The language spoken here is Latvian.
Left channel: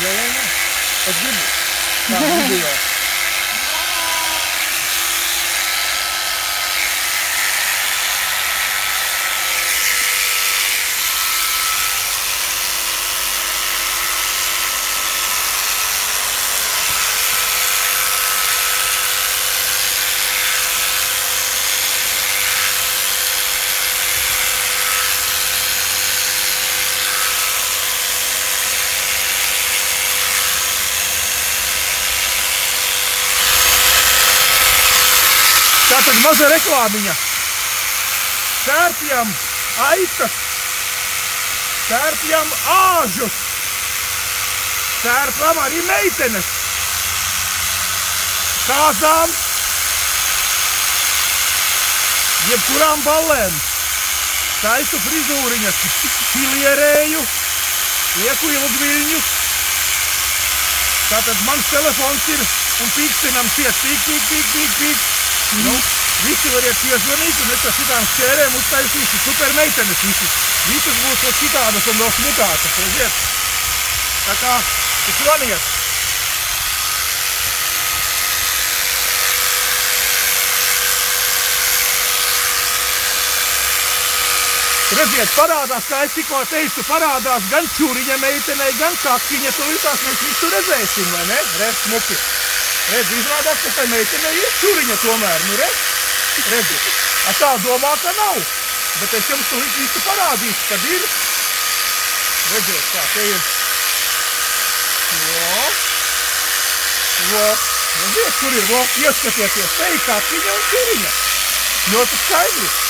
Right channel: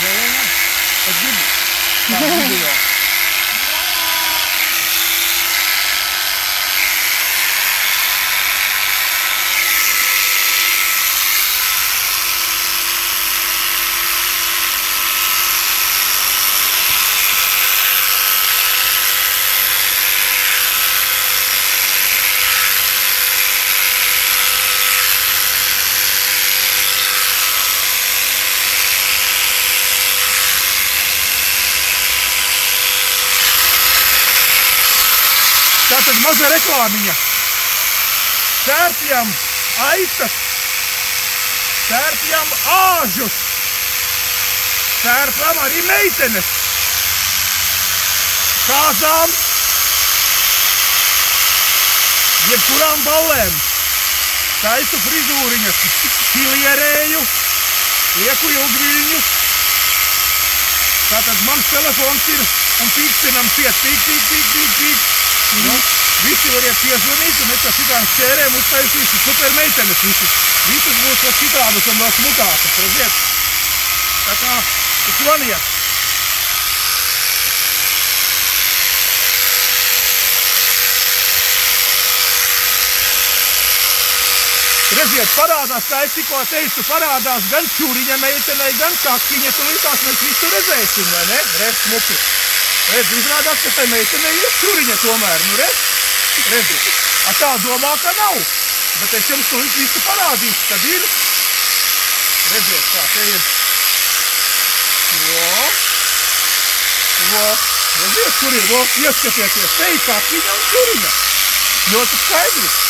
Jā. Es gribu. Tā video. Tātad maza reklāmiņa. Sērpjam aitas, sērpjam āžus, sērpjam arī meitenes, kāzām, jebkurām ballēm. Taisu frizūriņas, pilierēju, lieku ilgviļņus. Tātad mans telefons ir un pīkstinam ciet, pīk. Nu, visi variet piezvanīt, un es ar šitām šķērēm uztaisīšu super meitenes visi. Visas būs vēl citādas un vēl smutākas, redziet. Tā kā, zvaniet. Redziet, parādās, kā es tikko teicu, parādās gan čuriņa meitenei, gan kaktiņa, to likās mēs visu redzēsim, vai ne? Redz, smuki. Redz, izrādās, ka tai meitenei ir čuriņa tomēr, nu redzi. A tā domā, ka nav, bet es jums to visu parādīšu, kad ir. Redziet, kā te ir. Redziet, kur ir, ieskatieties, te ir kaktiņa un čuriņa. Ļoti skaidri.